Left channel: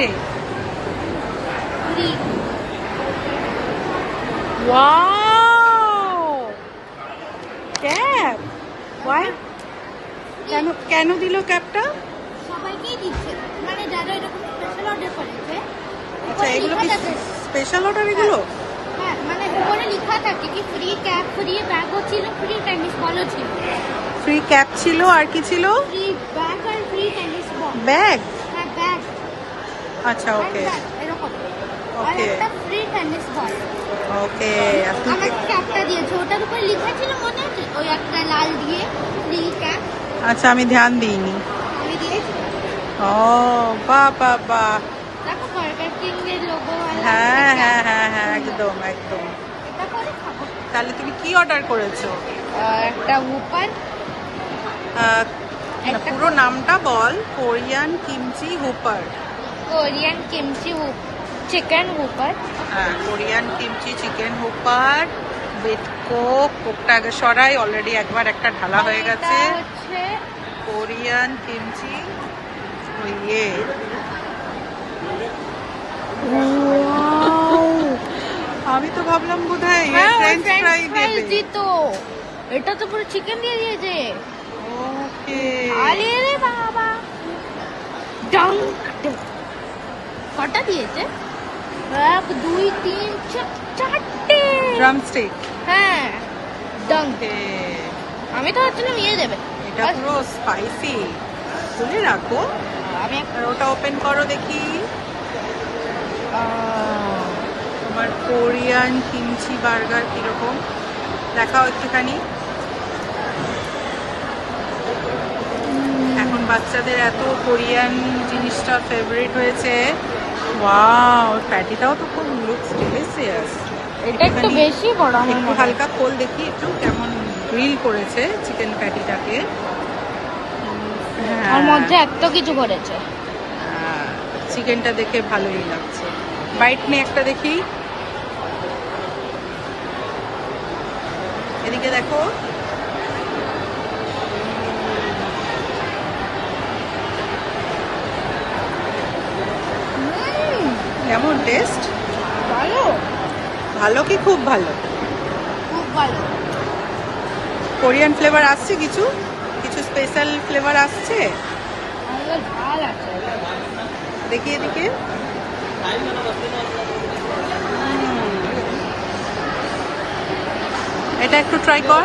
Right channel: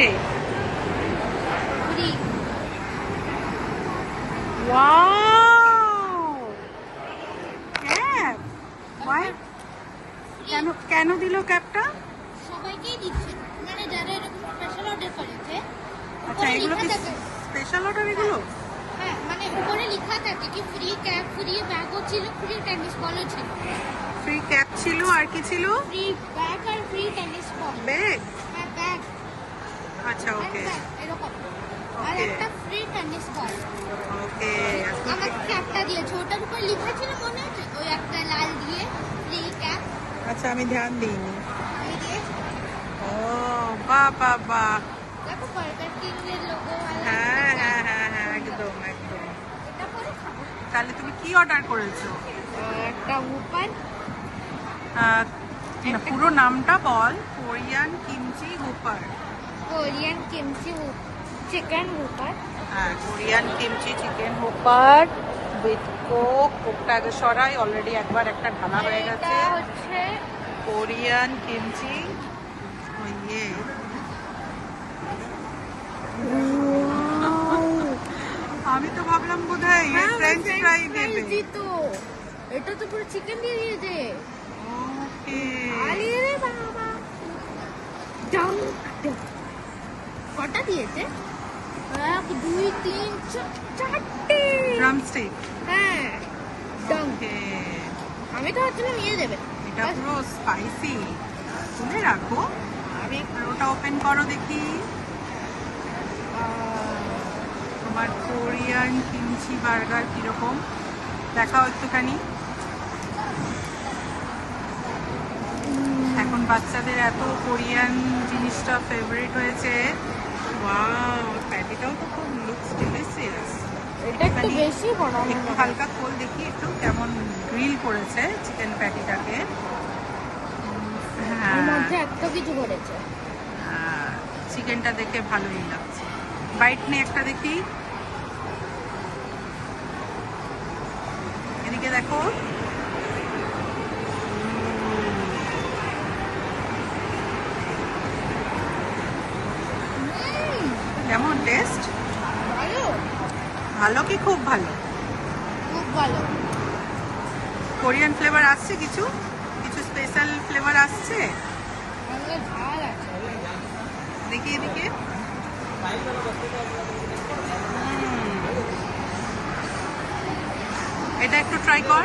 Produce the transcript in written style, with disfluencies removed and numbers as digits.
রে? Wow, cap. Y? কেন দিল ক্যাপটা? সবাইকেই দিচ্ছে, মানে যারা এরকম স্পেশাল অর্ডার করেছে। আচ্ছা, এগুলো কি স্পেশাল অর্ডার এগুলো? হ্যাঁ, মানে উপরে লেখা থাকে কি ফ্রি ক্যাপ, ফ্রি ব্যাগও ছিল, ফ্রি টেনিস বলও ছিল। ফ্রি ক্যাপ ছিল, আর কি ছিল? ফ্রি ব্যাগ আর ফ্রি টেনিস বল। ব্যাগ? হ্যাঁ, ব্যাগ। আচ্ছা, ওকে এরকম। আর ওকে একটা ফ্রি টেনিস বল। ওকে। আমাকে ক্যাপটা দিয়েছে, ওটার উপর লেখা ছিল মনে আছে, ওই একটা লাল দিয়ে ফ্রি ক্যাপ। আচ্ছা, আমি ধ্যান দিইনি। আমি দিয়েছি। ও বাহ বাহ বাহ। দেখো বার্গার কিং এর লোগো। হ্যাঁ হ্যাঁ হ্যাঁ হ্যাঁ, একদম একদম। তাহলে তুমি কি অর্ডার করেছো? একটা হুপার। না, পুরো নামটা বল। Korean kimchi whopper. Korean kimchi chicken whopper. হ্যাঁ, Korean kimchi chicken whopper with কোকটা আগে সরাই, অলরেডি একবার একটা ঢালা হয়ে গেছে। কোরিয়ান কিমচি ইয়ে। আমি তো ভাবলাম বোধহয় ফ্রেঞ্চ ফ্রাই দেবে। তো এটা তো পুরো চিকেন দিয়ে দিয়েছে। ওকে। আরে রে বাবা, কটা দিয়েছে? 1 2 3 4 ড্রামস্টিক। হ্যাঁ, ওকে। আমি তো ভাবছিলাম নিয়ে দেবে। এটা পুরো স্পাইসি। খুলে রাখো, আমি আর ওটা ওপেন করো দেখি। তোমার কোরিয়ান কিমচি বার্গার কিরকম দেখাও একটুখানি। এখন বাচ্চাদের এত কোরিয়ান জিনিসটা ফেভারিট হয়েছে। ওয়াও, প্যাটিটাও তো খুব লুকস ডিলিশিয়াস। এটা একটু বেশি বড় হয়। একটু হালকা খোল দেখি একটু কেমন গ্রিল করেছে চিকেন প্যাটিটাকে। আর মধ্যে এত কিছু করেছে। চিকেনটা দেখে ভালোই লাগছে। বাইট নে একটা দেখি। এদিকে দেখো। কেমন টেস্ট? ভালো, ভালো কি খুব ভালো? খুব ভালো। কোরিয়ান ফ্লেভার আসছে কিছু কিছু স্পেশাল ফ্লেভার আসছে ভালো আছে। দেখি এদিকে। এটা একটু ট্রাই কর।